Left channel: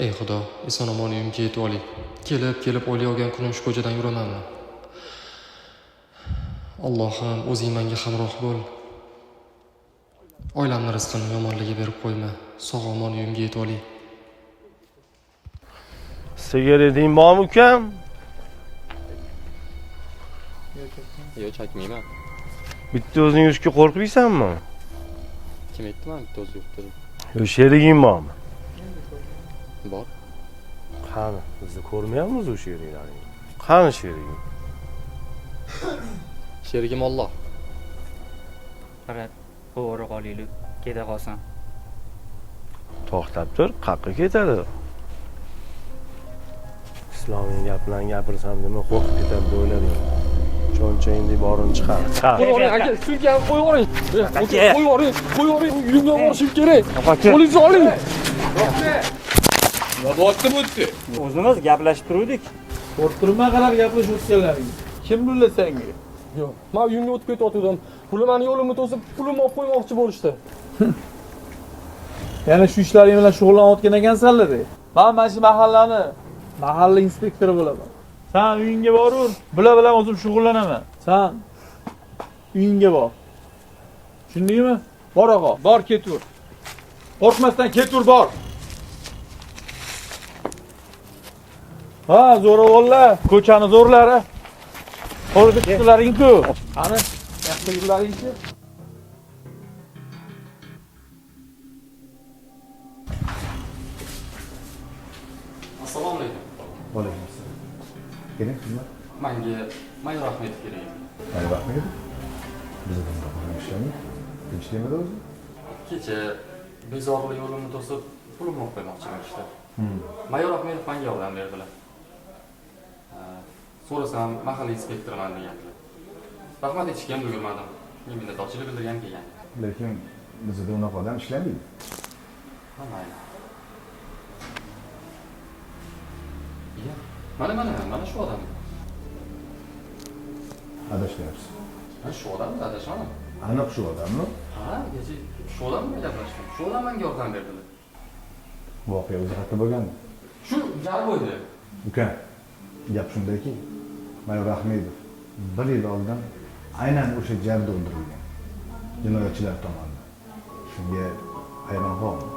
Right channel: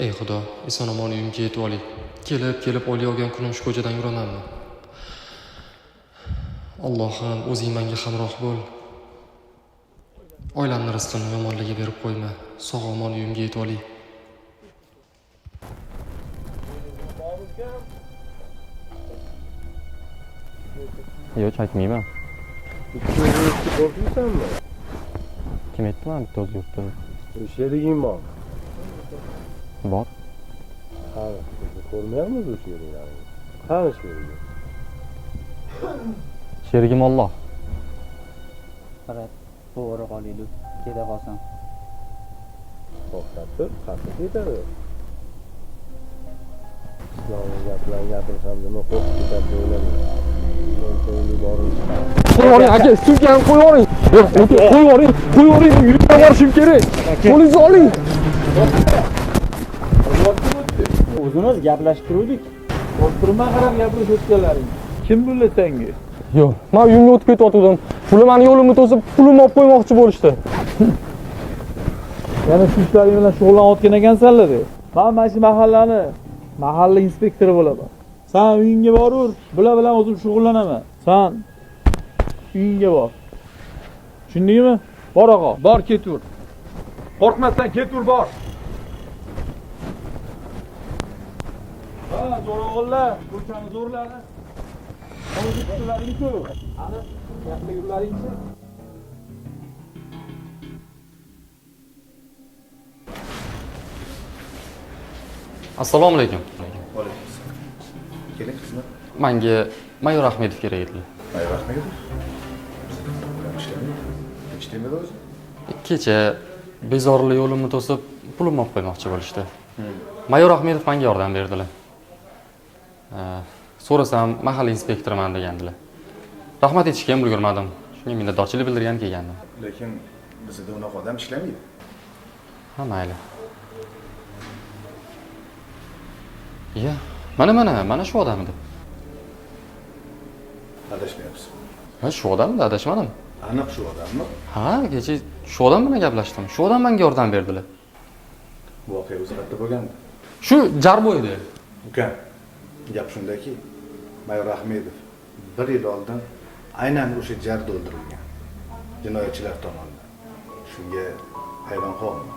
Ey Xudo, eson-omon uyimga yetib oling. Kelib o'ylayotgan kunim shu ko'chadan yuramanmi? Allohim, o'zing menga hamroh bo'l. Oilamni rizqini yomonligiga berib qo'yma. Sog'-omon uyimga yetib oling. Sigareting bormi ukam? Yo'q, chakmayman. Bitta o'zing yurishga qo'rqmaysanmi? Kim aytdi mana bitta o'zim yuribdi? Yo, sheriging bormi? Bor. Qani, biz ko'rmayapmiz o'sha yerlarni. Qani sheriging? Sherigim Alloh. Faqat bu ora qolaylik, keta qolsan. To'xtab tur, qayerga ketadi? Islomiy gap bilan gapirsam nima qo'rqib ketadi deb o'yladim. Cho'nchangni borib chiqar. Qo'ying aka, sizga ham qo'ying. Qo'ying, yuringga borishim kerak. Qo'lingizni oling. O'zimiz gaplashib turdik. O'tirma qarab gaplashayotganlaring. Kim bo'ldi senga? Yo'q, men uyimga o'tib ketayotgandim. Bular meni yo'limni to'sib, pulimni olib qo'ymoqchi bo'lishdi. Yana shu ishlaring bilan shug'ullanayotgan ekansanlar. Men mana shu mahalla inspektori bo'laman. Sen uyingga boraver. Bular bilan o'zim shug'ullanaman. Sen uyingga bor. Tushundingmi? Bor og'a, bor ketaver. Qo'rqmasdan ketaver, bor. Ha, zo'ravonlar, ko'chani zo'rlari. Qo'lida chiqlaring-ku. Qani, yaxshi yurlaring-chi. Assalomu alaykum. Bo'laversin. Keling xizmat. Menga Mayor Ahmedov kerak edi. Mayor Ahmedov. Bizda bilan ishlayapti. Ishlamadi o'zi? Kecha bezorilik yo'limni to'sib, pulimni olib qo'ymoqchi bo'lishdi. Mayor Ahmedov menga yordam berdilar. So'rasam, mahalla inspektoriman degandilar. Rahmat aytishga ham ulgurmadim. Shunga minnatdorchilik bildirgan kelgandim. Lekin bizda unaqa odam ishlamaydi. Ha, mayli. Iya, mana shu odam edi. Adashmayapsiz. Ha, shu odamda adashmadim. Aniq shu odammi? Ha, kecha shu odam bilan gaplashdim. Shu odam menga yordam berdilar. Voqea o'zi qayerda bo'lgandi? Shu Jarboyda. Uka, gap shundaki, Mayor Ahmedov 1 yil oldin aynan o'sha jarda o'ldirilgan. Jinoyatchilar tomonidan. Shunga hayron qoldim.